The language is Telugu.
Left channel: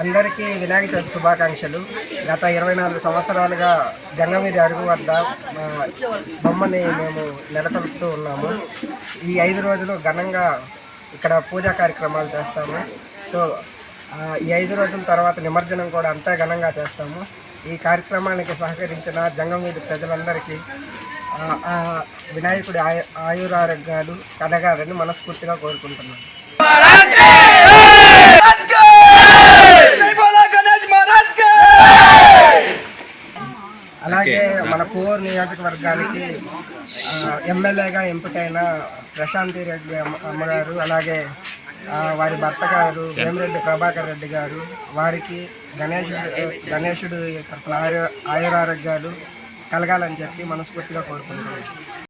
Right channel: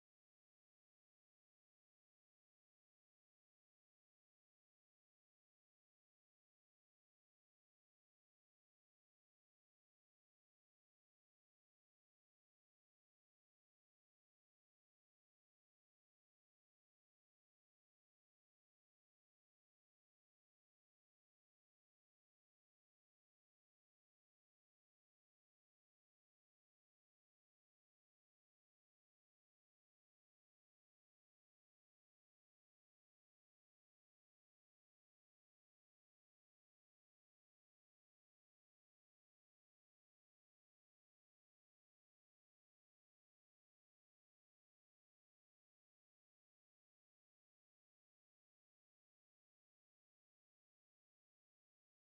అందరికీ వినాయక చవితి శుభాకాంక్షలు. గత 24 సంవత్సరాలుగా జంగమీది అడుగు వద్ద బొమ్మని మేము నెలకొల్పుతూ ఉన్నాము. ఈ 5 రోజులు ఘనంగా ఇక్కడ పూజా కార్యక్రమాలు చేస్తాము. సో ఈ 5 రోజుల తర్వాత నిమజ్జనం కూడా అంతా ఘనంగా చేస్తాము. ఈ కార్యక్రమానికి సహకరించిన జంగమీది ప్రజలందరికీ వినాయకుడి ఆయురారోగ్యాలు కలగాలని మనస్ఫూర్తిగా కోరుకుంటున్నాను. అలాగే మన కోర్ నియోజకవర్గానికి ఎమ్మెల్యేగా ఎంపికైన ప్రశాంతి రెడ్డి అమ్మగారు, అలాగే వారి భర్త గారు వేమిరెడ్డి ప్రభాకర్ రెడ్డి గారు, వారికి గణేశుడు తరఫున ఆయురారోగ్యాలు కలగాలని చెప్పి మనస్ఫూర్తిగా కోరుకుంటున్నాను.